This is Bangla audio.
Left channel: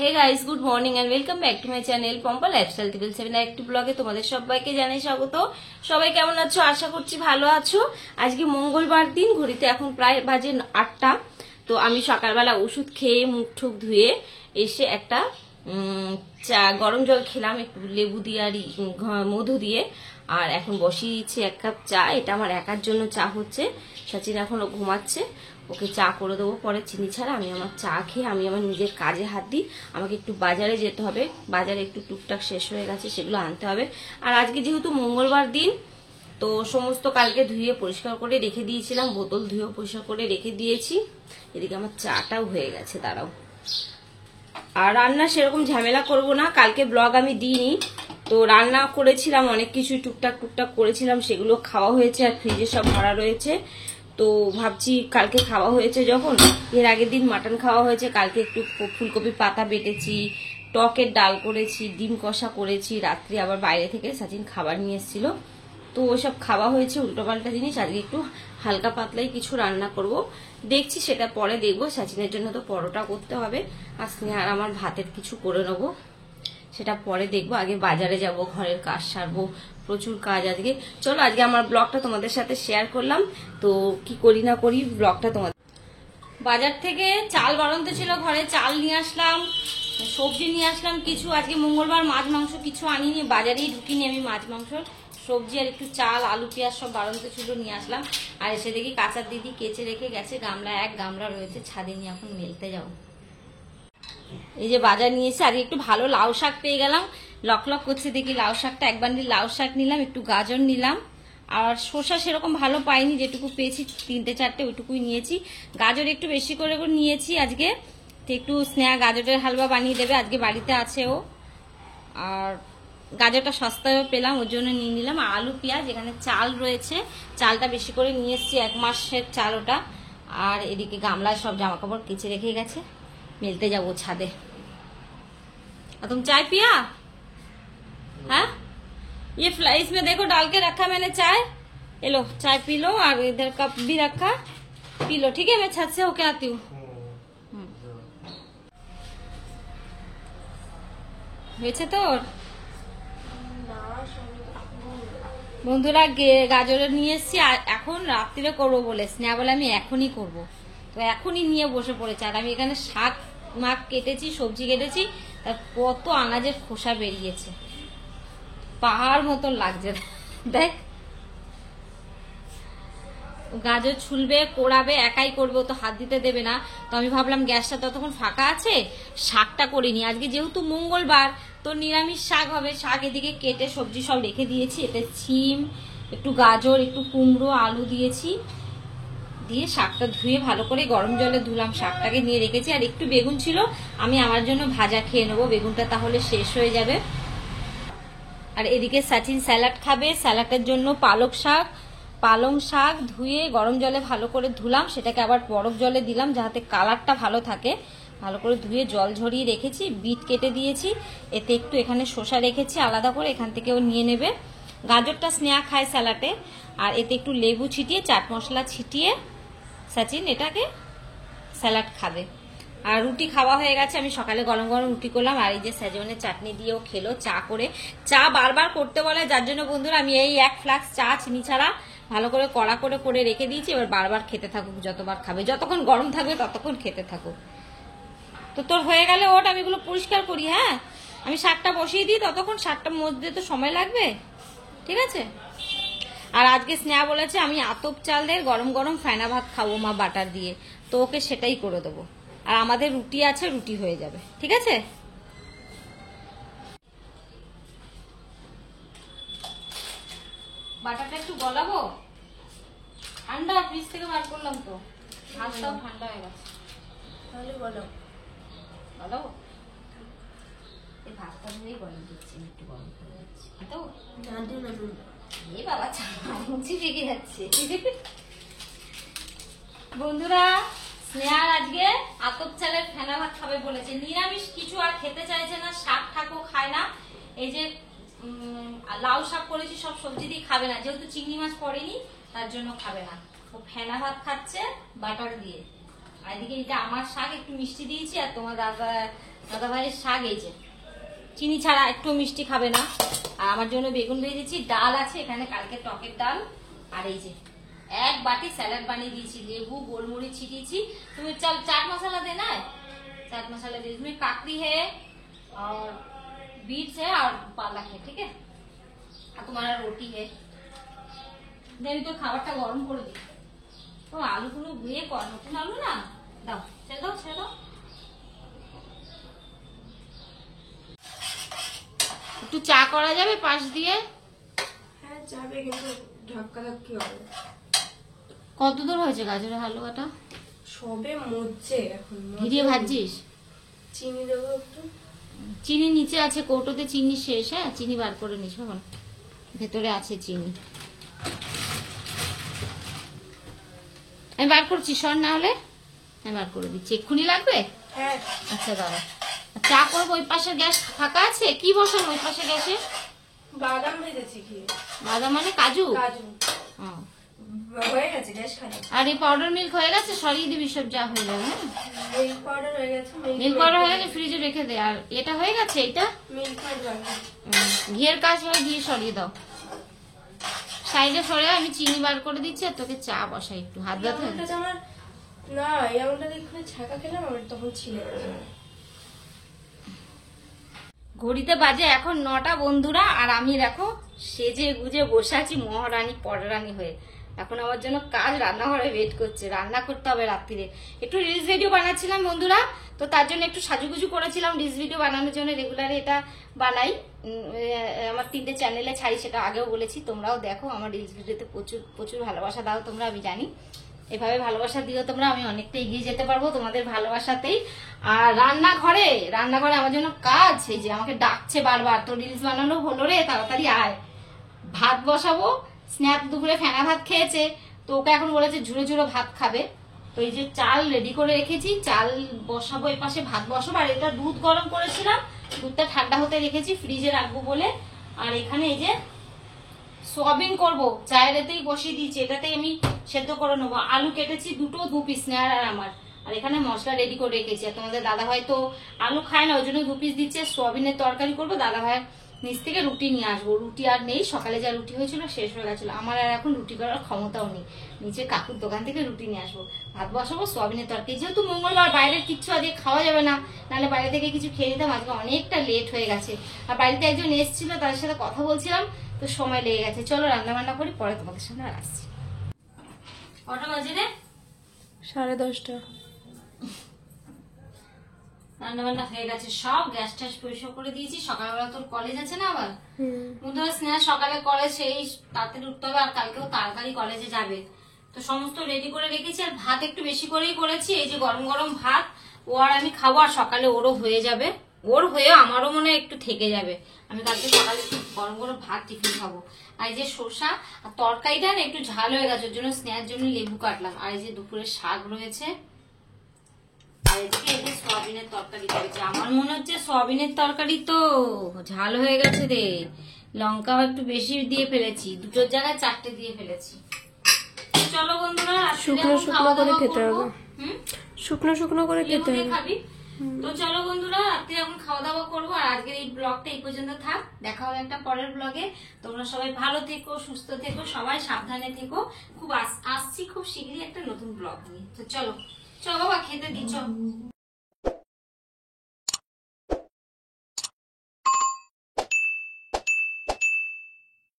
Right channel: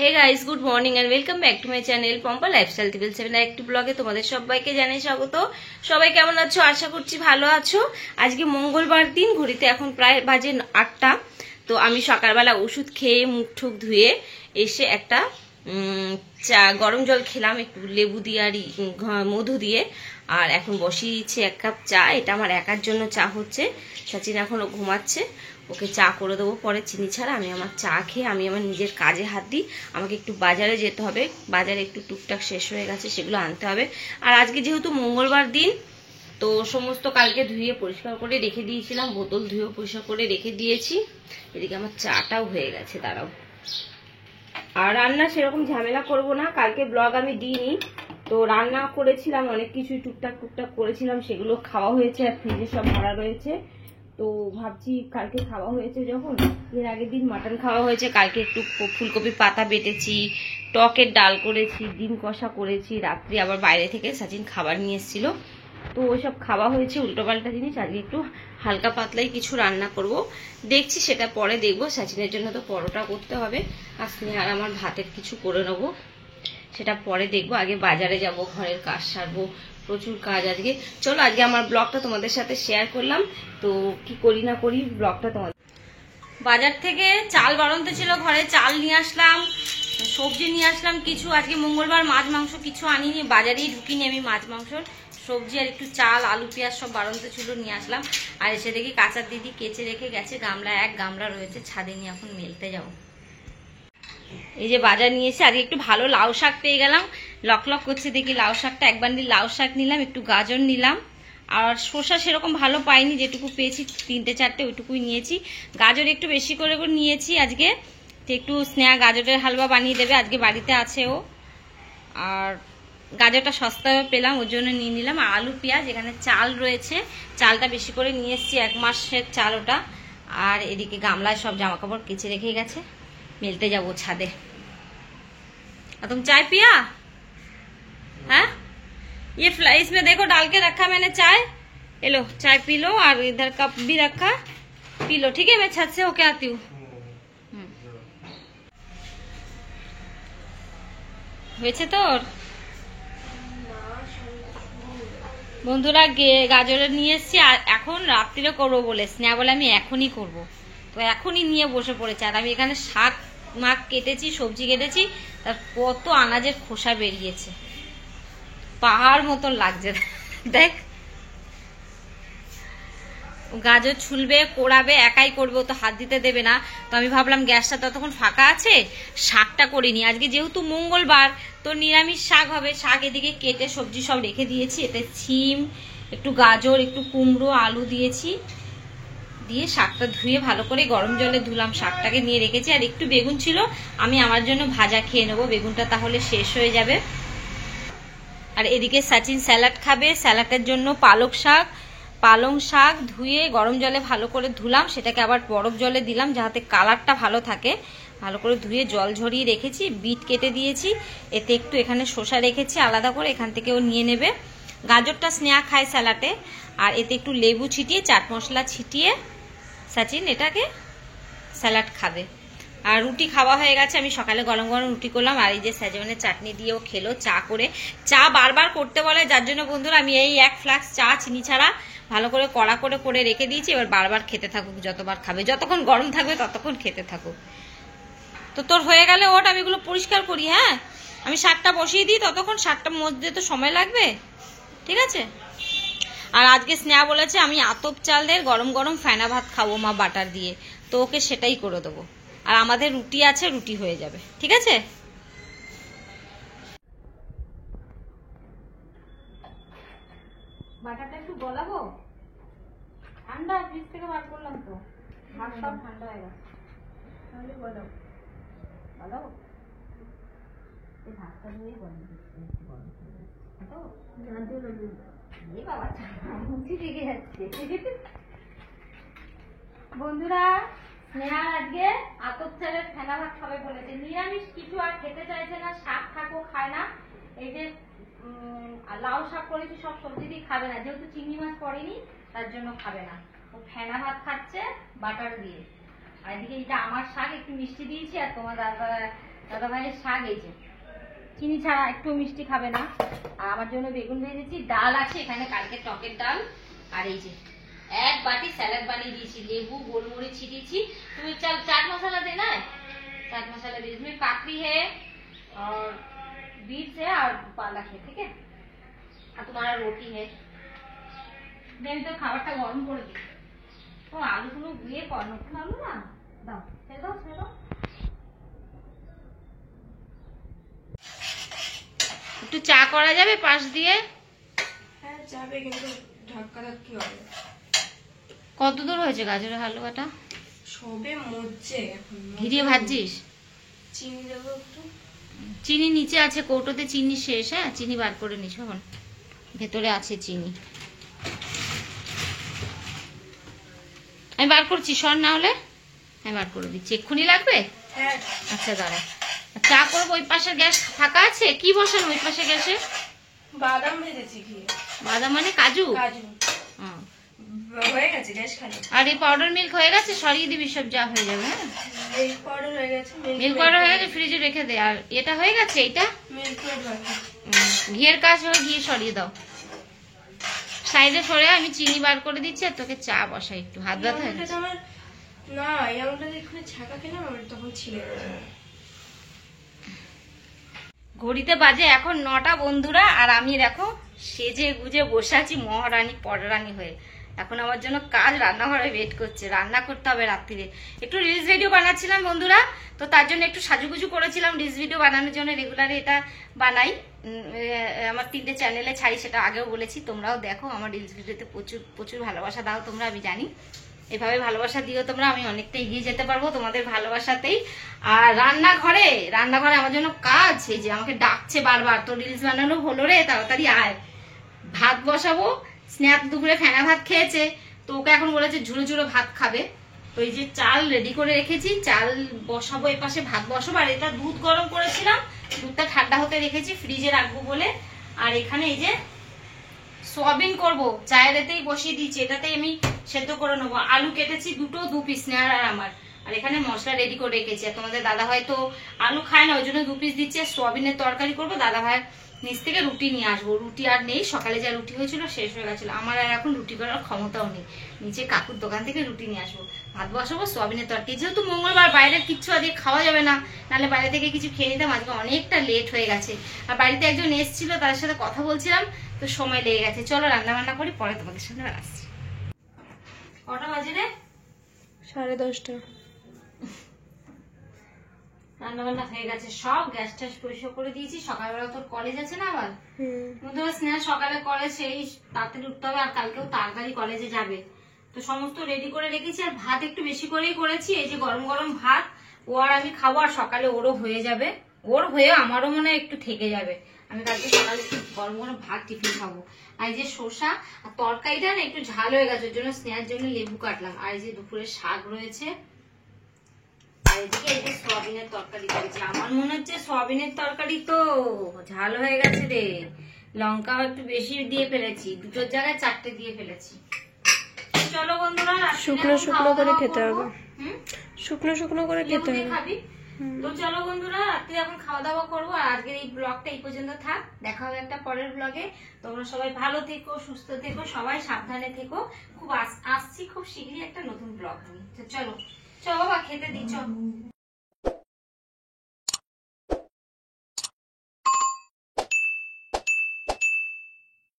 Hey guys, good morning and welcome back to my channel Pompa lifestyle টিভিল 7 একটি ব্লগে তোমাদের সবাইকে জানাই স্বাগত। সবাই কেমন আছো? আশা করছি ভালো আছো। আজকে মঙ্গলবার দিন, ঘড়িতে এখন প্রায় বাজে 8টা। তো আমি সকালবেলা ওষুধ খেয়ে মুখ ঠুক ধুয়ে এসে একটা চা গরম জল খেলাম, একটু লেবু দিয়ে আর মধু দিয়ে। আর এখন বসিয়ে দিচ্ছি 1 কাপ চা। এটা আমার একার জন্য চা হচ্ছে। সচিন এখনো ঘুমাচ্ছে, ওকে চা করে দেবো পরে চিনি ছাড়া। আমি আমার চা খেয়ে আমি আমার নিজের কাজে হাত দিই। আমাকে একটু বাজারে যেতে হবে, বাজারে একটু টুকটাক শেষ হয়ে গেছে, সেগুলো আনতে হবে। আর আজকে যেহেতু মঙ্গলবার দিন, তো সমস্ত কালকে ধুয়ে পরিষ্কার করে রেখে দিয়েছিলাম, বোতল ধুয়ে পরিষ্কার করে রেখে দিয়েছি। এদিকে আমার চাটাও হয়ে গেছে, দাঁড়াও। আর রান্না সেরকম ঝামেলা করব না, কালকে ব্লগ আমি দিইনি। তো রান্না করেছিলাম অনেক কিছু, টুকটাক টুকটাক করেছিলাম, সেগুলো খাওয়া হয়েছে আর ফ্রিজে সব ভরা রয়েছে। তো ভাবছি কালকে খাওয়া হয়েছে যখন, এর আগের দিন মাটন খাওয়া হয়েছে, কালকে একটু ফুলকপির পাতা বেটেছি, টকের ডাল করেছি, ডিম কষা করেছি। রাত্রি আবার বাইরে থেকে সচিন খাবার নিয়ে এসেছিল, তো ওইসব খাওয়া হয়েছে উল্টোপাল্টা জিনিস। আজকে একটু হালকা পাতলাই কিছু রান্না করব, দেখছি সেটা পরে দেখবো। সচিনের জন্য তো পরোটা করতে হবে, আর স্নেহার আমার ভাতের কিছু করে নেবো, সেটা পরে দেখবো। আগে বাজারে যাব, ঘরের কাজ সারবো, প্রচুর কাজ আজকে। চলো আজকে আমার ব্লগটা তোমাদের সাথে শেয়ার করলাম। তো কি করি না করি ব্লগটা তোমাদের। বাজার থেকে চাল বাড়ন্ত ছিল, ঘরে চাল নিয়ে আসলাম, সবজি নিয়ে আসলাম কিছু। আজকে মঙ্গলবার মাছ মাংস কিছু আনিনি, বাজারেই ঢুকিনি আমি। মাছ মাংস সবজি আর একটু চাল আলু পেঁয়াজ সব বাড়ন্ত ছিল, নিয়ে আসলাম। আর এসে দেখি কাঁচার দিদি কেচে রেখে গেছে, গামলা 1 গামলা রয়েছে, ছাদে নিয়ে এখন মেলতে যাবো। এই যে বাজার নিয়ে এসে আজকে একটু ভালো লাউ শাক পেয়ে গেলাম, লক লক করছে দেখি লাউ শাকটা। 1 বান্ডিল লাউ শাক নিলাম, একটু গাজর নিলাম। আর শসা সেরকম ভালো পাইনি, যেটুকু পেয়েছি 3টে 4টে ওইটুকুই নিয়েছি। গাজর একটু বেশি করে নিয়েছি আজকে, তো একটু স্নেহা গাজরের হালুয়া বানিয়ে দেবে, আজকে বাড়িতে আছে ও। আর গাজরটা সস্তায় পেলাম, ওর জন্য নিয়ে নিলাম। আর আলু পেঁয়াজ, এখানে চাল রয়েছে, চালটা বেশি করে নিয়ে এসেছি, 1 মাসের চাল ওটা। আর এদিকে গামলায় সব জামা কাপড় কেচে রেখে গেছে, মেলতে যাবো ছাদে। तुम चाय पिया? हाँ, ये इसमें देखो डाल के रखा मैंने चाय। ये लो चाय पी लो, और इधर कप भी रखा, पी लो। ठीक है, मैं छत से होके आती हूँ। হয়েছে তোর? বন্ধুরা গাজরের নিয়ে এসছি, আর এখন রাত্রিরে করবো বলে স্নেহা বলে আমি এখনই করব। তো এখনই নিয়ে বসে পড়েছে। আর আমি এখানে শাক মাক কেটেছি, সবজি কেটেছি, তার কত আনাজের খোসা বেরিয়েছে, পাহাড় মতন লাগছে। দেখ, গাজর ছুলবে, কোড়াবে, একাই করবে, ও তো হাত দিতে দেবে না। তো আমি ভাবলাম গ্যাসটা ততক্ষণ ফাঁকা আছে, শাকটা করিনি। আজকে যেহেতু মঙ্গলবার, তো নিরামিষ শাক হবে। শাক এদিকে কেটে সবজি সব রেখে দিয়েছি, এতে সিম, একটু গাজর, একটু কুমড়ো, আলু দিয়েছি। দিয়ে শাকটা ধুয়ে ভালো করে গরম জলে ধুলাম, শাকটাকে নিয়ে রেখেছি। আর একটু বেগুন ছিল, আমি আমার জন্য ভাজা খেয়ে নেবো, বেগুনটা তাহলে শেষ হয়ে যাবে। আর এদিকে সচিন স্যালাড খাবে, স্যালাডের জন্য পালং শাক ধুয়ে গরম জলে ভালো করে ধুলাম, সেটাকে আবার বরফ জলে দিলাম যাতে কালারটা ভালো থাকে। ভালো করে ধুয়ে জল ঝরিয়ে রেখেছি, বিট কেটে দিয়েছি, এতে একটু এখানে শসা রেখেছি আলাদা করে, এখান থেকেও নিয়ে নেবে। গাজরটা স্নেহা খায় স্যালাডে। আর এতে একটু লেবু ছিটিয়ে, চাট মশলা ছিটিয়ে সচিন এটাকে স্যালাড খাবে। আর রুটি খাওয়া হয়ে গেছে, আমি সকালে গরম গরম রুটি করলাম। আর এই যে সেজনের চাটনি দিয়েও খেলো চা করে। চা বারবার করতে বলে, যার জন্য বন্ধুরা আমি এই 1 ফ্লাক্স চা চিনি ছাড়া ভালো করে কড়া করে রেখে দিয়েছি। এবার বারবার খেতে থাকুক, যতবার খাবে, যতক্ষণ গরম থাকবে ততক্ষণ খেতে থাকুক। তো তোর হয়ে গেলে ওট, আমি এগুলো পরিষ্কার করি। হ্যাঁ, আমি শাকটা বসিয়ে দিই, ততক্ষণ শাকটার মধ্যে তো সময় লাগবে, ঠিক আছে? আর আজকে স্নেহা বলেছে আমি আতপ চাল দিয়ে গরম গরম ফেনা ভাত খাবো মা, বাটার দিয়ে। তো ওকে সেটাই করে দেবো। আর আমাদের রুটি আছে, রুটি হয়ে যাবে, ঠিক আছে? বাটারটা একটু গলাবো, ঠান্ডা, ফ্রিজ থেকে বার করলাম তো, ভাতটাও ঠান্ডা হয়ে গেছে। তাহলে গলাবো, এই ভাতটা দিয়েই গরম দিচ্ছি, একটু গরম করে দিচ্ছি তো। এই বাবা চামচি পেকে যাচ্ছে। বন্ধুরা, স্নেহা আজকে আতপ চালের ফেনা ভাত খাবে বলেছে, নিরামিষ কিছু আর খেতে চাইছে না, শাক ঠাকও খায় না। এই যে লাউ শাক করেছি, সব সবজি দিয়ে খাবে না, যেহেতু চিংড়ি মাছ পড়েনি তার জন্য খাবে না। ও ফেনা ভাত খাচ্ছে বাটার দিয়ে। আর এদিকে এটা আমার শাক, একটু মিষ্টি দিয়েছি, আর তোমার দাদা দাদা ভাইয়ের শাক এই যে চিনি ছাড়া একটু মিষ্টি খাবে না। আর আমার জন্য বেগুন ভেজেছি, ডাল আছে এখানে কালকে টকের ডাল, আর এই যে এক বাটি স্যালাড বানিয়ে দিয়েছি, লেবু গোলমরিচ ছিটিয়েছি। তুমি চাট मसाला देना है, चाट मसाला दीजिए। इसमें काकड़ी है और बीट्स है और पालक है, ठीक है। और तुम्हारा रोटी है। देनी तो खाबारটা গরম করে দিই। ও আলুগুলো দিয়ে কর, নতুন আলু না, দাও ছেড়ে দাও ছেড়ে দাও। একটু চা করা যাবে পাশ দিয়ে? হ্যাঁ যাবে, কিন্তু ধাক্কা ধাক্কি হবে। কত দূর হয়েছে গাজরের হালুয়াটা? সবে মরছে এখন। ঘিরিয়ে ভাজছিস? চিনি দেবো একটু। চিনি নিচে আছে কৌটোতে, চিনি শেষ। হ্যাঁ চিনি বার করে নিস, এখন ভেতরে আছে চিনি। আমি বার করছি, সর না হলে আমি বার করে দিচ্ছি। এক্ষুনি লাগবে? হ্যাঁ আচ্ছা দাঁড়া, চা করবো। ওই পাশের গ্যাস ফাঁকা আছে? কি বসানো ওই পাশে গ্যাসে? বাদাম ভেজেছি কি? বাদাম মানে কাজু? কাজু হ্যাঁ। হয়ে গেছে গ্যাস খালি। আর এই পাউডার মিল্ক হয়ে গেছে? সরিয়ে দিবি সব, যা হয়ে যাবে। হ্যাঁ মিল্ক পাউডার হয়ে গেছে। মিল্ক পাউডার হয়ে গেছে, ফ্রিজে রেখে দে। আর এটা হয়ে গেছে, এইটা মিল্ক পাউডার। ঘিয়ের কাজ হয়ে, ঘিয়ে সরিয়ে দাও। সাইডে সরে আমি চিনি বার করে দিচ্ছি, আর তোকে চা বসাই। একটু হাত ব্যথা হয়ে গেছে। আমার না, এই আমটা এখানে ছাকা খেলাম, আমার তখন ছিলে। ঘড়িতে বাজে এখন 9টা বন্ধুরা, আর আমি দেখো সেজে গুজে বসে আছি মহারানী পরারানী হয়ে। এখন আমার জন্য কাজ রান্নাঘরে ওয়েট করছে, রান্না করতে হবে রাত্রিরে। একটু রিলস ভিডিও বানাচ্ছিলাম বন্ধুরা, তো তার জন্য একটু সাজুগুজু করেছিলাম রিলস ভিডিও বানানোর জন্য। রেগুলারে এটা বানাই, আমার 3টে চ্যানেলে ছাড়ি, সেটা আগেও বলেছি। তোমরাও দেখো, আমার রিলস ভিডিওতে প্রচুর প্রচুর ভালোবাসা দাও তোমরা, আমি জানি। এভাবে ভালোবাসা দিও তোমরা, আমি অনেকটা এগিয়ে যেতে পারবো তোমাদের ভালোবাসাতেই। আর রান্নাঘরে আমার জন্য কাজ, এই যে আমাকে ডাকছে বারবার, তো রিলস বানানো হলো রে, তাড়াতাড়ি আয়। ভাত বসাবো, স্ন্যাপ দুপুরে ফেনা ভাত খেয়েছে, তো ওকে এখন বলেছে ঝুড়ো ঝুড়ো ভাত খাবে। তো এই যে চাল রেডি করে রেখেছি, চাল বসাবো, এই পাশে ভাত বসাবো। আর এটা দুধ গরম করেছিলাম, দুধটা ঠান্ডা হতে রেখেছি, ফ্রিজে রাখবো বলে। আর এখানে এই যে সোয়াবিন করবো, চায়ের এতেই বসিয়ে দিয়েছি, এটাতেই আমি সেদ্ধ করে নেবো। আলু কেটেছি 2 পিস, নেয়ার আর আমার। আর এখানে মশলা রেডি করে রেখেছি। আর তোমাদের দাদা ভাই তো আলু খায় না, ওই জন্য 2 পিস দিচ্ছে। সোয়াবিনের তরকারি করবো, দাদা ভাই নিচ থেকে রুটি নিয়ে আসবো। রুটি আর নেই, সকালে যা রুটি হয়েছিল শেষ হয়ে গেছিল। আমার আর এখন রুটি করার ক্ষমতাও নেই, নিচে কাকুর দোকান থেকে রুটি নিয়ে আসবো। ভাত বসাবো, সোয়াবিনের তরকারি। যেহেতু মঙ্গলবার, বাইরের কিচ্ছু আজকে খাওয়া যাবে না, নাহলে বাইরে থেকে কিছু খেয়ে নিতাম। আজকে অনেকটা লেট হয়ে গেছে, আর বাড়িতে একজন এসেছিল, তার সাথে কথা বলছিলাম, তো সময় লেগে গেছে। চলো রান্না বান্না করি, পরে তোমাদের সামনে আসছি। কটা বাজে রে? 10:30। রান্না বান্না হয়ে গেছে সব, গ্যাস ট্যাস পরিষ্কার করে দিয়েছি। সকালবেলা তোর কলেজ আছে না আবার? বন্ধুরা স্নেহা সকালে কলেজ, সেই তাড়াতাড়ি উঠতে হবে, আর কালকেও তাড়াতাড়ি কলেজে যাবে। তো সমস্ত রেডি করে রেখেছি। আর ভাত একটু বেশি করেই করেছি, এই যে গরম গরম ভাত, ও আর আমি খাবো। আর সকালে ওরও হয়ে যাবে, ওর হয়ে আমারও মনে হয় একটু থেকে যাবে। আমি কালকে সকালে একটু গরম গরম ভাত টিফিন খাবো। আর এই যে শসা আর তরকারিটা না একটু ঝাল হয়ে গেছে, ওর জন্য স্নেহার জন্য লেবু কাটলাম। আর এই যে দুপুরে শাক রয়েছে, আর এদিকে এই যে সোয়াবিনের তরকারি করেছি। আমার মনে হচ্ছে সোয়াবিনের তরকারি তো ঝাল হয়ে গেছে রে, লঙ্কাও একটু বেশি দিয়ে ফেলেছি, 2টোর জায়গায় 4টে দিয়ে ফেলেছি। চলো বন্ধুরা, শুকনো শুকনো করে খেতে হবে। শুকনো শুকনো করে খেতে হবে। খাবি তো চলো বন্ধুরা, রাত্রে এখন খাওয়া দাওয়া করবো। আর আজকের এই ব্লগটা এই পর্যন্ত থাক, দেখা হবে একটা পরের ব্লগে। তোমরা সবাই ভালো থেকো, সুস্থ থেকো, সবাই সাবধানে থেকো। খুব আসছি খুব শীঘ্রই একটা নতুন ব্লগ নিয়ে। তো চলো চলো বাবা, খেতে দিচ্ছ।